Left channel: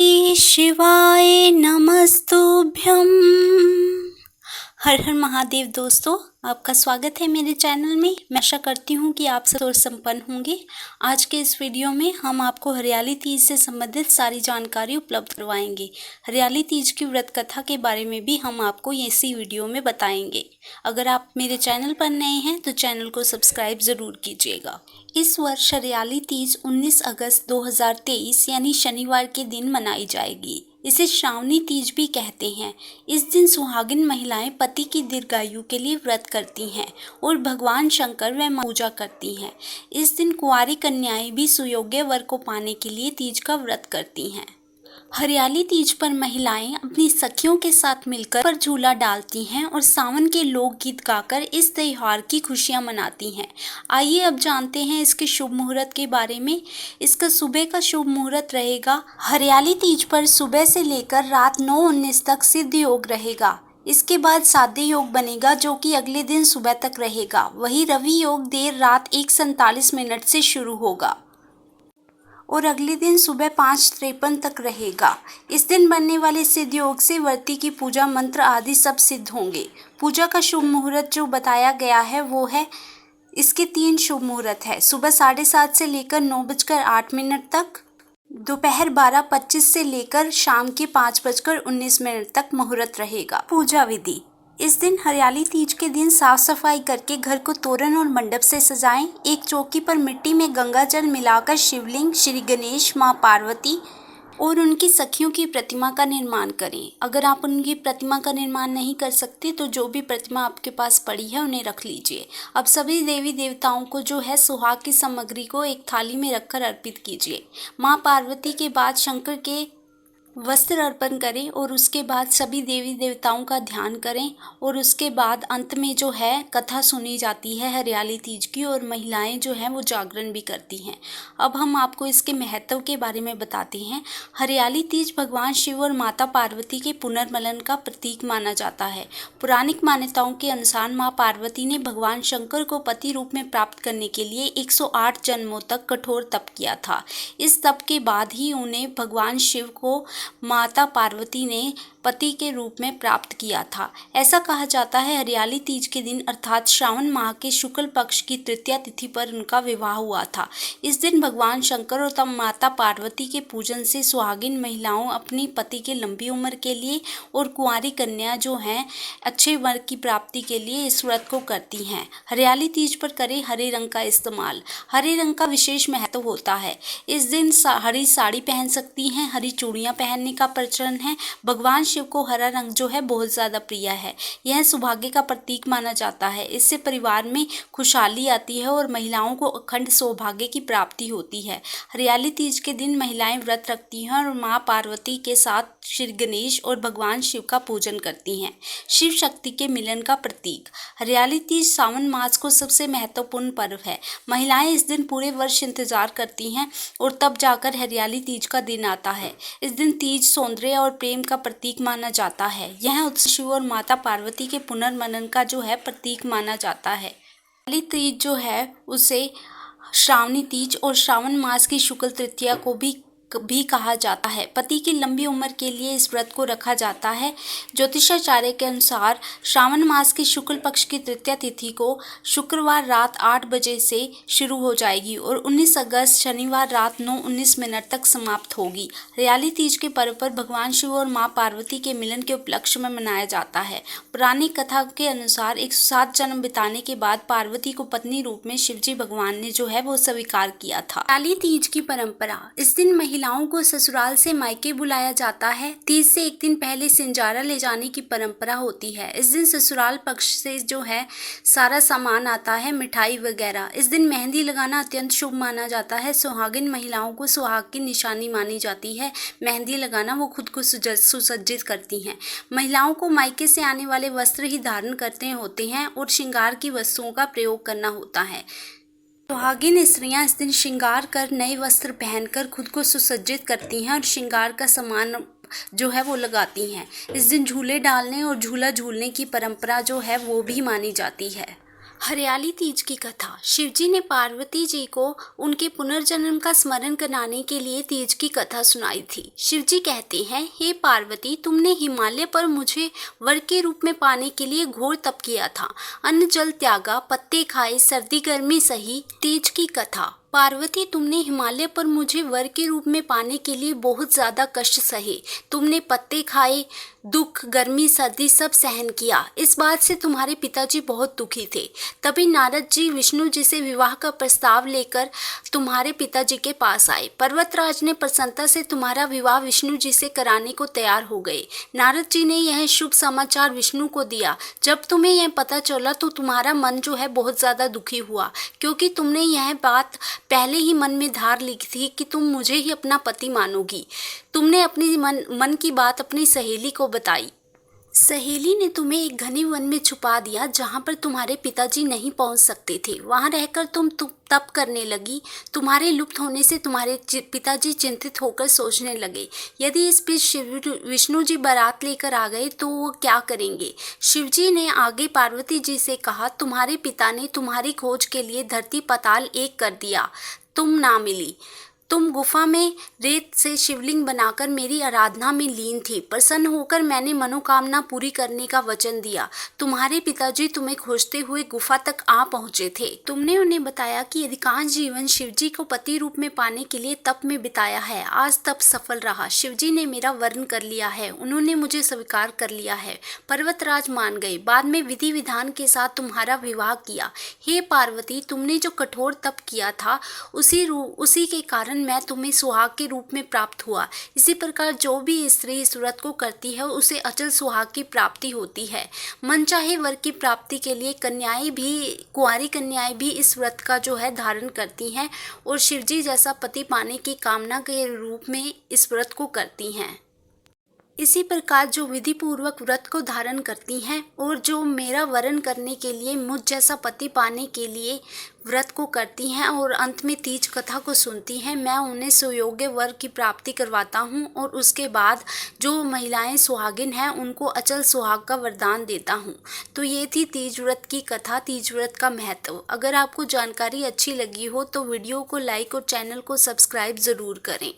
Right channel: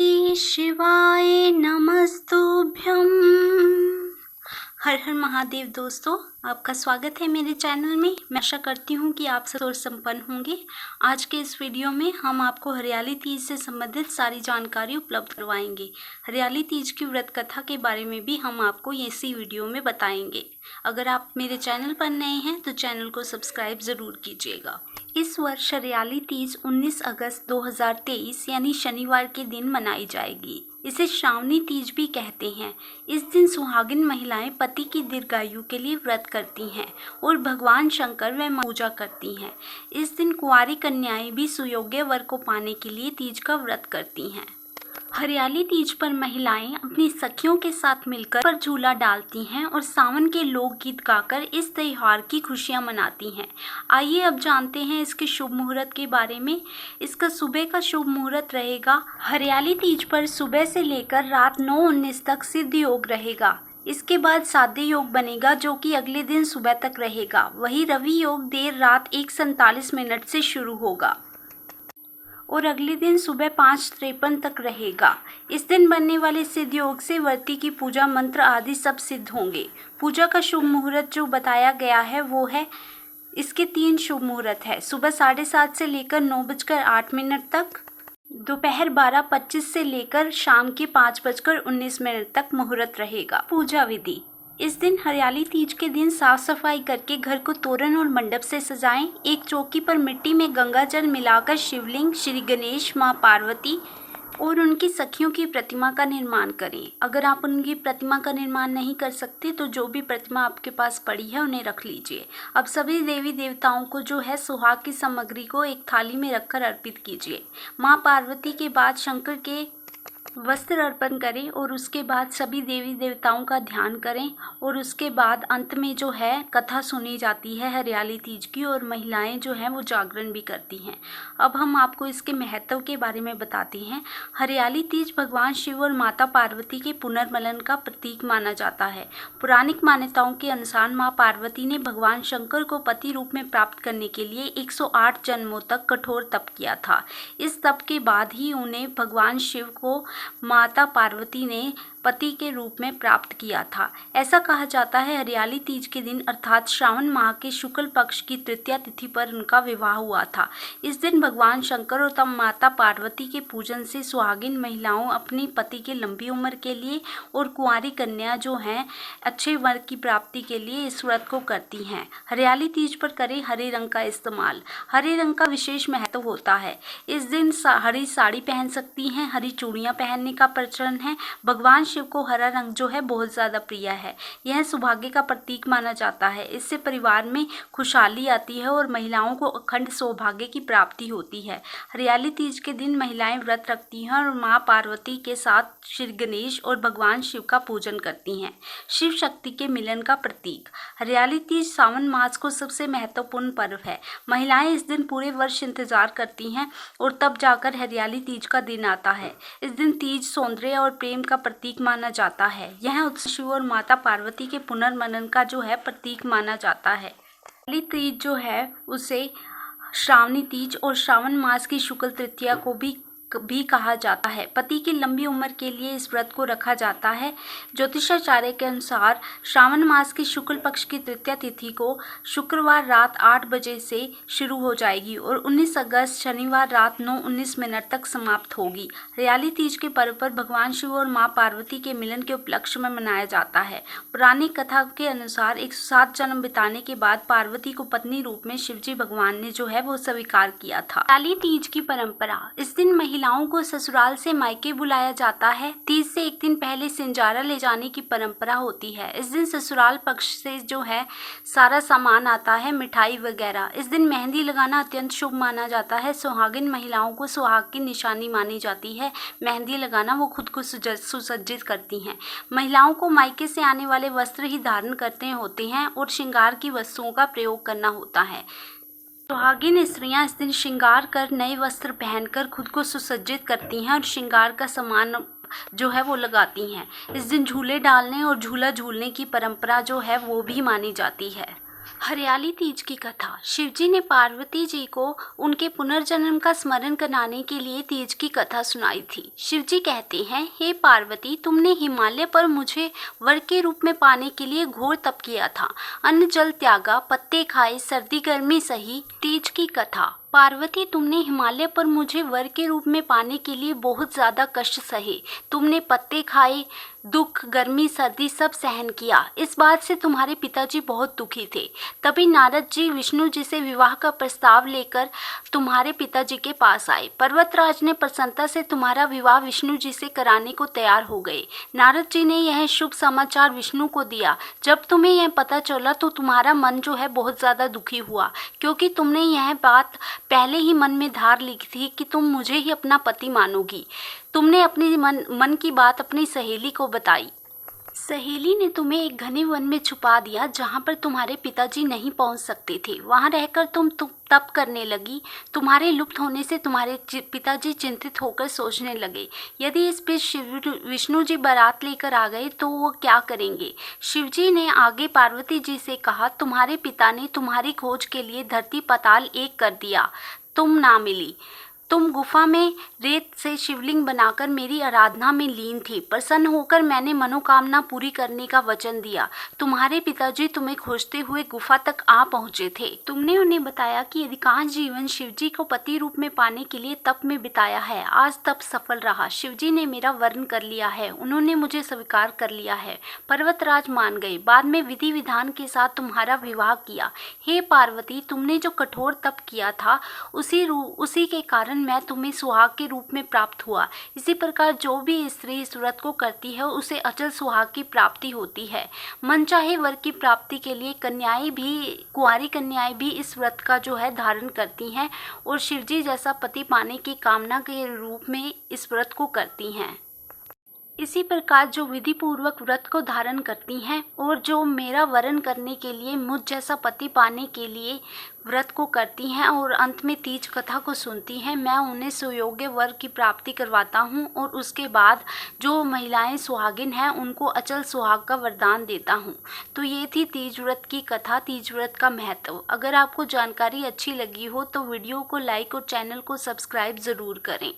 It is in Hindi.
श्री शिवाय नमस्तुभ्यम। हर हर महादेव। दोस्तों, आपका स्वागत है मेरे चैनल में। मैं आशा करती हूँ कि आप सब और संपन्न होंगे। आज के इस वीडियो में हम आपको हरियाली तीज से संबंधित सारी जानकारी उपलब्ध करवाएंगे। हरियाली तीज की व्रत कथा के बारे में भी हम आपको इसी वीडियो में बताएंगे। अगर आप मेरे चैनल पर नए हैं तो चैनल को सब्सक्राइब ज़रूर कीजिएगा। इस वर्ष हरियाली तीज 19 अगस्त 2023 यानी शनिवार के दिन मनाई जाएगी। इसे श्रावणी तीज भी कहते हैं। इस दिन सुहागिन महिलाएं पति की दीर्घायु के लिए व्रत करती हैं और भगवान शंकर व मां पूजा करती हैं। इस दिन कुंवारी कन्याएं भी सुयोग्य वर को पाने के लिए तीज का व्रत करती हैं। हरियाली तीज पर महिलाएं अपनी सखियों के साथ मिलकर पर झूला डालती हैं और सावन के लोकगीत गाकर इस त्योहार की खुशियां मनाती हैं। आइए अब जानते हैं इसके शुभ मुहूर्त के बारे में। इसका सुबह का शुभ मुहूर्त रहेगा। हरियाली तीज पर सुबह से लेकर रात 9:19 तक सिद्ध योग रहेगा। इसके बाद साध्य योग बनेगा जो कि अगले दिन सुबह तक रहेगा। वही रवि योग देर रात 1:47 से शुरू होगा और अगले दिन सुबह 5:53 तक रहेगा। इस दिन बनने वाले सिद्ध योग से व्रती की पूजा मंत्र आदि सब सिद्ध होंगे। पूजा का शुभ मुहूर्त जो बताया गया है वो है, इसके 3 शुभ मुहूर्त है। सुबह 7:30 से लेकर 9:08 तक, दोपहर 12:25 से लेकर शाम के 5:19 तक मुहूर्त रहेगा। पूजा विधि। इस दिन हरियाली तीज के दिन साफ सफाई करके घर को तोरण और मंडप से सजाएं। एक चौकी पर मिट्टी में गंगा जल मिलाकर शिवलिंग, श्री गणेश, मां पार्वती और उनकी सखियों की प्रतिमा का निर्माण करें। अगर आप उनकी प्रतिमा का निर्माण नहीं कर सकते तो जो भी प्रतिमा आपके पास पड़ी है उन्हें रख लीजिए। अब सभी देवी देवताओं को जो है सुहाग की सामग्री को एक थाली में रखकर अर्पित कीजिए। मां पार्वती के बाद शंकर के वस्त्र अर्पण करें और उसके बाद सभी देवी देवताओं का ध्यान करें और उसके बाद अंत में जो है कथा सुनी जाती है हरियाली तीज की और महिलाएं जो हैं वो जागरण भी करती हैं। अब हम आपको इसके महत्व के बारे में बताते हैं। हरियाली तीज भगवान शिव और माता पार्वती के पुनर्मिलन का प्रतीक माना जाता है। पौराणिक मान्यताओं के अनुसार माँ पार्वती ने भगवान शंकर को पति रूप में प्राप्त करने के लिए 108 जन्मों तक कठोर तप किया था। इस तप के बाद ही उन्हें भगवान शिव को माता पार्वती ने पति के रूप में प्राप्त किया था। ऐसा कहा जाता है हरियाली तीज के दिन अर्थात श्रावण माह के शुक्ल पक्ष की तृतीया तिथि पर उनका विवाह हुआ था। इस दिन भगवान शंकर और तब माता पार्वती के पूजन से सुहागिन महिलाओं अपनी पति के लंबी उम्र के लिए और कुंवारी कन्या जो हैं अच्छे वर की प्राप्ति के लिए इस व्रत को करती हैं। हरियाली तीज पर करें हरे रंग का इस्तेमाल। हरे रंग का विशेष महत्व होता है। इस दिन हरी साड़ी पहन सकती हैं। हरी चूड़ियाँ पहनने का प्रचलन है। भगवान शिव को हरा रंग जो है बहुत ज़्यादा प्रिय है। यह सौभाग्य का प्रतीक माना जाता है। इससे परिवार में खुशहाली आती है और महिलाओं को अखंड सौभाग्य की प्राप्ति होती है। हरियाली तीज के दिन महिलाएं व्रत रखती हैं और मां पार्वती के साथ श्री गणेश और भगवान शिव का पूजन करती हैं। शिव शक्ति के मिलन का प्रतीक। हरियाली तीज सावन मास को सबसे महत्वपूर्ण पर्व है। महिलाएं इस दिन पूरे वर्ष इंतजार करती हैं और तब जाकर हरियाली तीज का दिन आता है। इस दिन तीज सौंदर्य और प्रेम का प्रतीक माना जाता है। यह उत्सव शिव और माता पार्वती के पुनर्मिलन का जो है प्रतीक माना जाता है। हरियाली तीज जो है उसे श्रावणी तीज और श्रावण मास की शुक्ल तृतीया को भी कहा जाता है। पति की लंबी उम्र के लिए इस व्रत को रखा जाता है। ज्योतिषाचार्य के अनुसार श्रावण मास की शुक्ल पक्ष की तृतीया तिथि को शुक्रवार रात 8 बजे से शुरू हो जाएगी और 19 अगस्त शनिवार रात 9:19 तक समाप्त होगी। हरियाली तीज के पर्व पर भगवान शिव और मां पार्वती के मिलन के उपलक्ष्य में मनाया जाता है। पौराणिक कथा के अनुसार 107 जन्म बिताने के बाद पार्वती को पत्नी रूप में शिवजी भगवान ने जो है वो स्वीकार किया था। हरियाली तीज की परंपरा। इस दिन महिलाओं को ससुराल से मायके बुलाया जाता है। तीज से एक दिन पहले सिंजारा ले जाने की परंपरा होती है। इस दिन ससुराल पक्ष से जो है सारा सामान आता है, मिठाई वगैरह। इस दिन मेहंदी लगाना अत्यंत शुभ माना जाता है। सुहागिन महिलाओं को सुहाग की निशानी मानी जाती है। मेहंदी लगाना वो खुद को सुसज्जित करती हैं। महिलाओं को मायके से आने वाले वस्त्र ही धारण करते होते हैं और श्रृंगार की वस्तुओं का प्रयोग करना होता है। सुहागिन स्त्रियां इस दिन श्रृंगार कर नए वस्त्र पहनकर खुद को सुसज्जित करती हैं और श्रृंगार का सामान जो है वो लगाती हैं। इस दिन झूले डालने और झूला झूलने की परंपरा जो है वो भी मानी जाती है। हरियाली तीज की कथा। शिवजी ने पार्वती जी को उनके पुनर्जन्म का स्मरण कराने के लिए तीज की कथा सुनाई थी। शिवजी कहते हैं, हे पार्वती, तुमने हिमालय पर मुझे वर के रूप में पाने के लिए घोर तप किया था। अन्न जल त्यागा, पत्ते खाए, सर्दी गर्मी सही। तीज की कथा। पार्वती, तुमने हिमालय पर मुझे वर के रूप में पाने के लिए बहुत ज़्यादा कष्ट सहे। तुमने पत्ते खाए, दुख, गर्मी, सर्दी सब सहन किया। इस बात से तुम्हारे पिताजी बहुत दुखी थे। तभी नारद जी विष्णु जी से विवाह का प्रस्ताव लेकर तुम्हारे पिताजी के पास आए। पर्वतराज ने प्रसन्नता से तुम्हारा विवाह विष्णु जी से कराने को तैयार हो गए। नारद जी ने यह शुभ समाचार विष्णु को दिया। जब तुम्हें यह पता चला तो तुम्हारा मन जो है बहुत ज़्यादा दुखी हुआ, क्योंकि तुमने यह बात पहले ही मन में धार ली थी कि तुम मुझे ही अपना पति मानोगी। तुमने अपनी मन की बात अपनी सहेली को बताई। सहेली ने तुम्हें एक घने वन में छुपा दिया जहाँ पर तुम्हारे पिताजी नहीं पहुँच सकते थे। वहाँ रहकर तुम तप करने लगी। तुम्हारे लुप्त होने से तुम्हारे पिताजी चिंतित होकर सोचने लगे, यदि इस बीच विष्णु जी बारात लेकर आ गए तो वो क्या करेंगे। शिवजी ने आगे पार्वती जी से कहा, तुम्हारे पिता ने तुम्हारी खोज के लिए धरती पाताल एक कर दिया, तुम ना मिली। तुम गुफा में रेत से शिवलिंग बनाकर मेरी आराधना में लीन थी। प्रसन्न होकर मैंने मनोकामना पूरी करने का वचन दिया। तुम्हारे पिताजी तुम्हें खोजते हुए गुफा तक आ पहुंचे थे। तुमने उन्हें बताया कि अधिकांश जीवन शिवजी को पति रूप में पाने के लिए तप में बिताया है। आज तप सफल रहा। शिवजी ने मेरा वर्ण कर लिया है, उन्होंने मुझे स्वीकार कर लिया है। पर्वतराज मान गए। बाद में विधि विधान के साथ तुम्हारा विवाह किया। हे पार्वती, तुमने जो कठोर तप किया था उसी के कारण मैं तुम्हें सुहाग के रूप में प्राप्त हुआ। इसी प्रकार जो भी स्त्री इस व्रत को करती है उसे अचल सुहाग की प्राप्ति होती है। मनचाहे वर की प्राप्ति के लिए कुंवारी कन्याएं भी इस व्रत का जो है धारण करती हैं और शिवजी जैसा पति पाने की कामना के रूप में इस व्रत को करती हैं। इसी प्रकार जो विधि पूर्वक व्रत को धारण करती हैं और जो मेरा वरण करने के लिए, मुझ जैसा पति पाने के लिए व्रत को करती हैं और अंत में तीज कथा को सुनती हैं, मैं उन्हें सुयोग्य वर की प्राप्ति करवाता हूं और उसके बाद जो महिलाएं सुहागिन हैं उनको अचल सुहाग का वरदान देता हूं। तो ये थी तीज व्रत की कथा, तीज व्रत का महत्व। अगर आपको जानकारी अच्छी लगी हो तो वीडियो को लाइक और चैनल को सब्सक्राइब ज़रूर करें।